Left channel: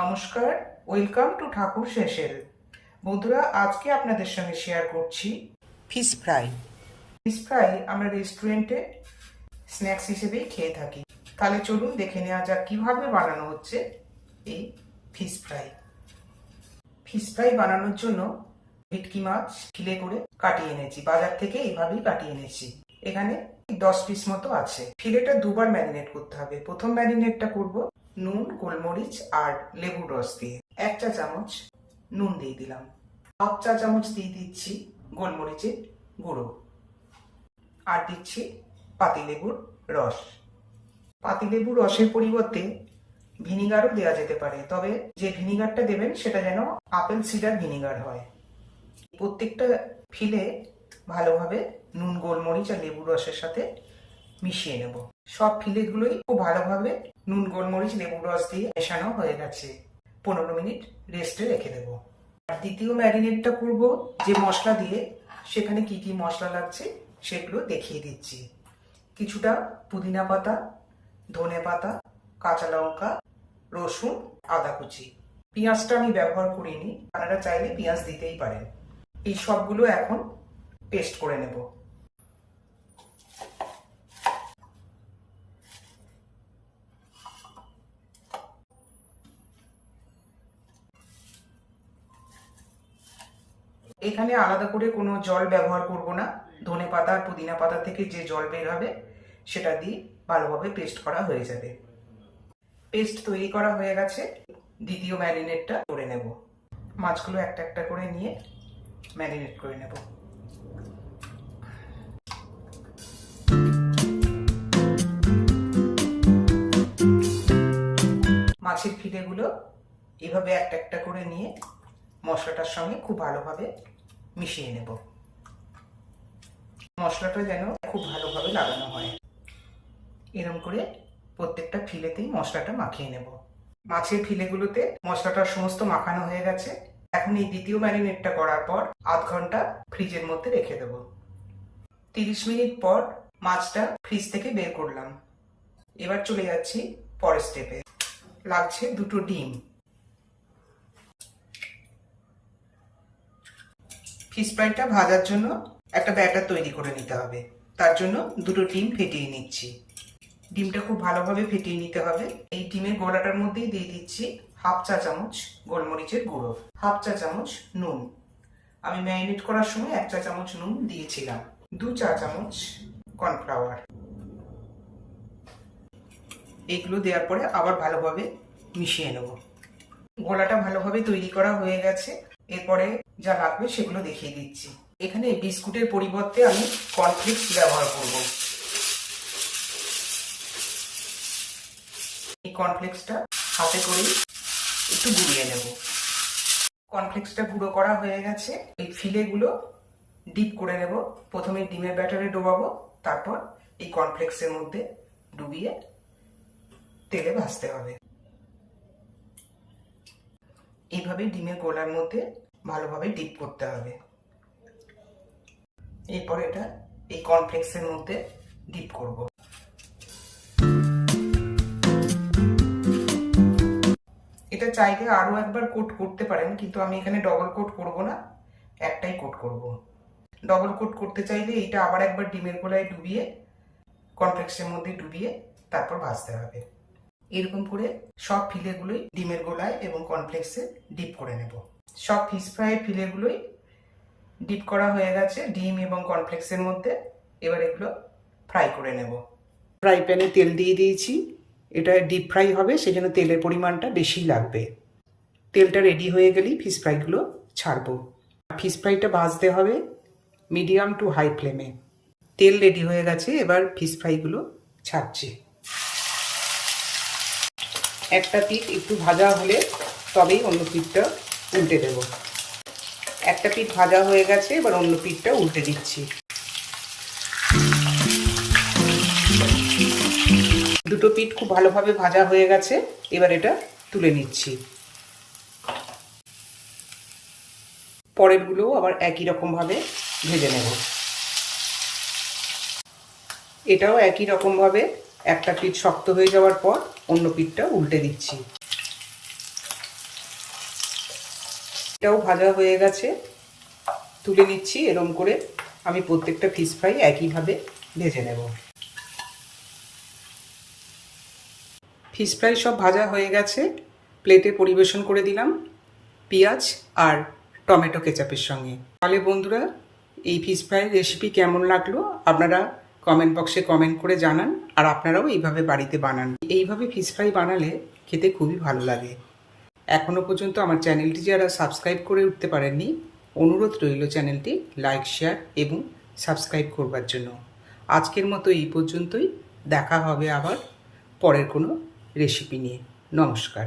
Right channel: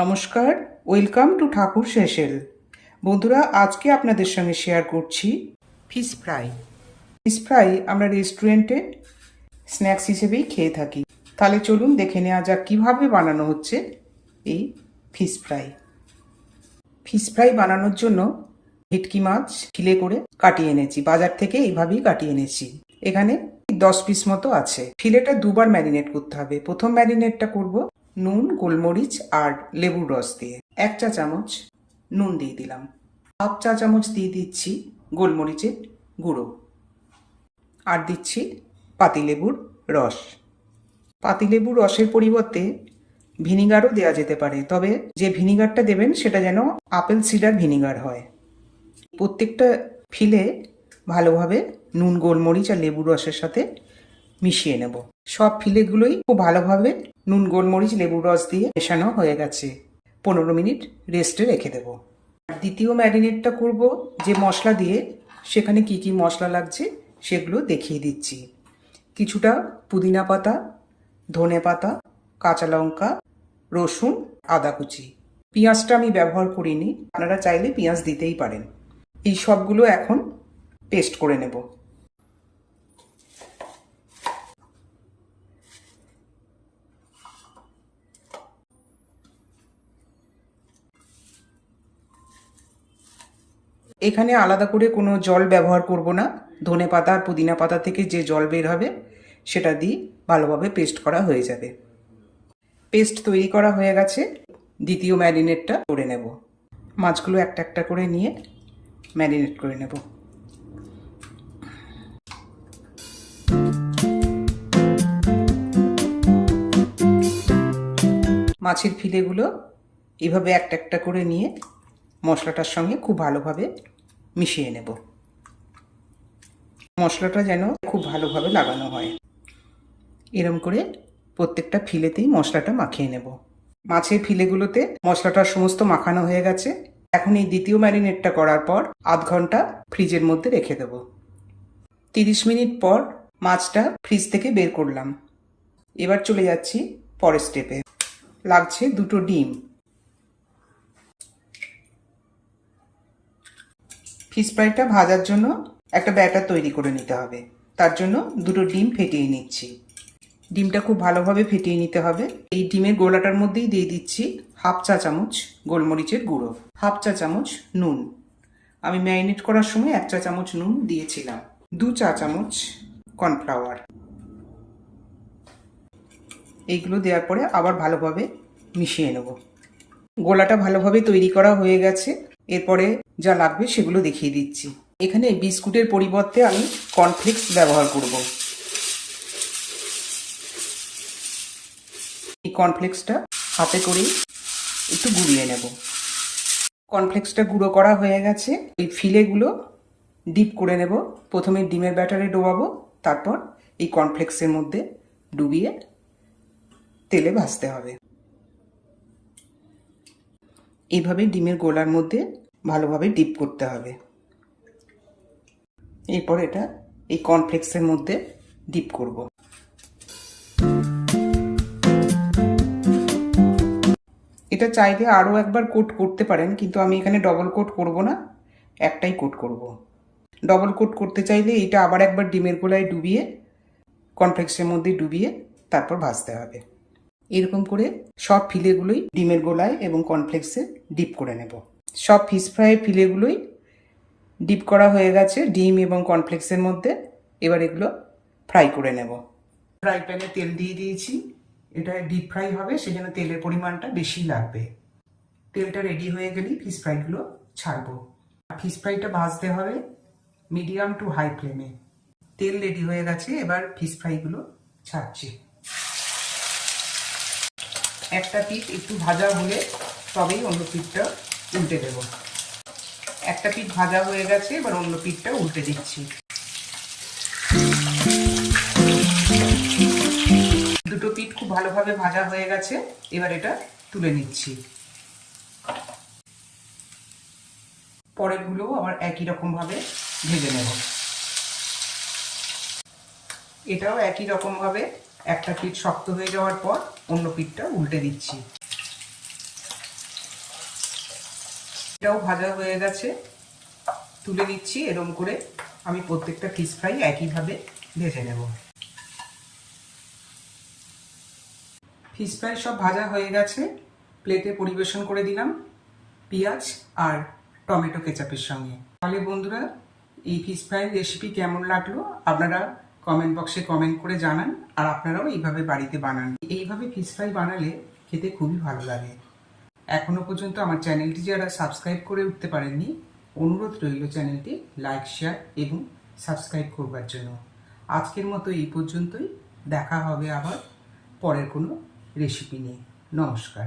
নমস্কার, welcome to ঠাকুর সেশেল। বন্ধুরা, আজকে আপনাদের সঙ্গে শেয়ার করছি ফিশ ফ্রাই। ফিশ ফ্রাই আমরা রেস্টুরেন্টে স্ন্যাক্স হিসেবেই খেয়ে থাকি। তাহলে চলুন দেখে নেওয়া যাক কীভাবে বানানো হচ্ছে এই ফিশ ফ্রাই। ফিশ ফ্রাই বানানোর জন্য ভেটকি মাছ ফিলে করে কাটিয়ে এনেছি, বাজার থেকে এইভাবেই কাটিয়ে এনেছি। এখানে 10 পিস মতো আছে। ফিলেটা দুবার ম্যারিনেট করতে হবে। প্রথম ম্যারিনেটটা করব নুন, গোলমরিচ আর লেবুর রস দিয়ে। 1 চা চামচ নুন দিয়ে দিলাম, 1/2 চা চামচ দিয়ে দিচ্ছি গোলমরিচের গুঁড়ো, আর দিচ্ছি পাতিলেবুর রস। পাতিলেবুর রসের পরিবর্তে ভিনিগারও দেওয়া যেতে পারে, তবে যে ভিনিগারটা দেবেন সেটা যেন আপেল সিডার ভিনিগার হয়। প্রত্যেকটা ফিলে ভালোভাবে নুন, গোলমরিচ আর লেবুর রসের সাথে মিশিয়ে নেব। সব ফিলেগুলোই খুব ভালোভাবে নুন, গোলমরিচ, লেবুর রস দিয়ে মেশানো হয়ে গেছে। 15 মিনিট রেস্টে রেখে দেব। দ্বিতীয় ম্যারিনেটটা করব যে মশলা দিয়ে, সেখানে কি কি মশলা লাগছে সেগুলো দেখিয়ে দিচ্ছি। কিছুটা পুদিনা পাতা, ধনে পাতা, কাঁচা লঙ্কা, রসুন, আদা কুচি। পেঁয়াজটা আমি ব্যবহার করিনি, আপনারা চাইলে পেঁয়াজ দিতেই পারেন। এই সবগুলো এখন পেস্ট করে নেব। এখানে আলাদা করে কোনো জল ব্যবহার করব না। ধনে পাতা আর পুদিনা পাতা থেকে যে জল বের হবে সেটা দিয়ে ভালোভাবে পেস্ট করা হয়ে যাবে। পেস্ট তৈরি করা হয়ে গেছে। দ্বিতীয় ম্যারিনেটটা করে নেব। মাছগুলো একটা একটা করে নিয়ে ম্যারিনেট করে নেব। মাছের ফিলেগুলো এভাবে একটা একটা করে নিয়ে মশলাটার সঙ্গে খুব ভালোভাবে মিশিয়ে নেব। মশলাটা যেন খুব ভালোভাবে লাগানো হয়, এরম করে প্রত্যেকটা ফিলেতেই মশলাটা মাখিয়ে নেব। মাছের ফিলেগুলোতে মশলাটা সমস্ত মাখানো হয়ে গেছে। এখন এই দ্বিতীয় ম্যারিনেটটা করার পর আধ ঘন্টা ফ্রিজের মধ্যে রেখে দেব। 30 মিনিট পর মাছটা ফ্রিজ থেকে বের করলাম। এবার চলে যাচ্ছি পরের স্টেপে। লাগছে 2টো ডিম। ফিশ ফ্রাইটা ভাজার জন্য একটা ব্যাটার তৈরি করে নিতে হবে। তার জন্য 2টো ডিম ফেটিয়ে নিচ্ছি। ডিমটা খুব ভালোভাবে ফেটিয়ে নিতে হবে। এই ডিমের গোলাটার মধ্যেই দিয়ে দিচ্ছি 1/2 চা চামচ গোলমরিচের গুঁড়ো, 1/2 চা চামচ নুন। আমি ম্যারিনেট করার সময় 1 চা চামচ নুন দিয়েছিলাম। 2 চা চামচ কর্নফ্লাওয়ার। এইগুলো দেওয়ার পরে আবার ভালোভাবে মিশিয়ে নেব। গোলাটা ভালোভাবে তৈরি করা হয়ে গেছে। এরপরে যা লাগবে সেগুলো দেখিয়ে দিচ্ছি। এখানে বিস্কুটের পরিবর্তে আমি কর্নফ্লেক্স ব্যবহার করব। এই কর্নফ্লেক্সটা হাতে করে একটু গুঁড়িয়ে নেব। কর্নফ্লেক্সটা গুঁড়ো করা হয়ে গেছে। এই ফিলেগুলো ডিপ করে নেব। প্রথমে ডিমের ব্যাটারে ডোবাবো, তারপর এই কর্নফ্লেক্সের মধ্যে ডুবিয়ে তেলে ভাজতে হবে। এইভাবে ডিমের গোলার মধ্যে ভালোভাবে ডিপ করতে হবে। এরপর এটা এই কর্নফ্লেক্সের মধ্যে ডিপ করব। এটা চাইলে আরও একবার কোট করতে পারেন, কিন্তু আমি এখানে ডবল কোট করব না, একটাই কোট করব। ডবল কোট করতে চাইলে এটা আবার একবার ডিমের গোলায় ডুবিয়ে, কর্নফ্লেক্সের মধ্যে ডুবিয়ে তারপর ভাজতে হবে। এরকম করে সব ফিলেগুলোই ডিমের গোলায় এবং কর্নফ্লেক্সে ডিপ করে নেব। সব ফিশ ফ্রাইয়ের ফিলেগুলোই ডিপ করা হয়ে গেছে ডিম এবং কর্নফ্লেক্সের মধ্যে। এবার এগুলো ফ্রাই করে নেব। ফ্রাই প্যানে তেল দিয়ে দিয়েছি। এটা ডিপ ফ্রাই হবে, সেজন্য তেলের পরিমাণটা বেশি লাগবে। তেলটা রেডি হয়ে গেলেই ফিশ ফ্রাইগুলো ছাড়বো। ফিশ ফ্রাইটা ভাজতে হবে মিডিয়াম টু হাই ফ্লেমে। তেল রেডি হয়ে গেছে, এবার ফিশ ফ্রাইগুলো ছাড়ছি। একটা পিঠ একটু ভাজা হলে তবেই অন্য পিঠটা উল্টে দেব। একটা পিঠ ভাজা হয়ে গেছে, এবার অন্য পিঠটা উল্টে দিচ্ছি। দুটো পিঠ খুব ভালোভাবে ভাজা হয়ে গেছে, এবার এটা তুলে নিচ্ছি। পরেরগুলোও আবার একই রকমভাবে ভেজে নেব। এটাও একই রকমভাবে একটা পিঠ শক্ত হয়ে যাওয়ার পর অন্য পিঠটা উল্টে দিচ্ছি। এটাও ভাজা হয়ে গেছে, তুলে নিচ্ছি। এরকম করে আমি প্রত্যেকটা ফিশ ফ্রাই একইভাবে ভেজে নেব। ফিশ ফ্রাই সব ভাজা হয়ে গেছে, প্লেটে পরিবেশন করে দিলাম পেঁয়াজ আর টমেটো কেচাপের সঙ্গে। তাহলে বন্ধুরা, এই ফিশ ফ্রাই রেসিপি কেমন লাগলো আপনারা কমেন্ট বক্সে কমেন্ট করে জানান, আর আপনারাও এইভাবে বাড়িতে বানান। এইভাবে ফিশ ফ্রাই বানালে খেতে খুবই ভালো লাগে। এখনও পর্যন্ত আমার চ্যানেলটি যারা সাবস্ক্রাইব করে উঠতে পারেননি, অনুরোধ রইল চ্যানেলটি লাইক, শেয়ার এবং সাবস্ক্রাইব করবার জন্য। আজকের মতো এই পর্যন্তই, দেখা হবে আবার পরের কোনো রেসিপি নিয়ে। নমস্কার।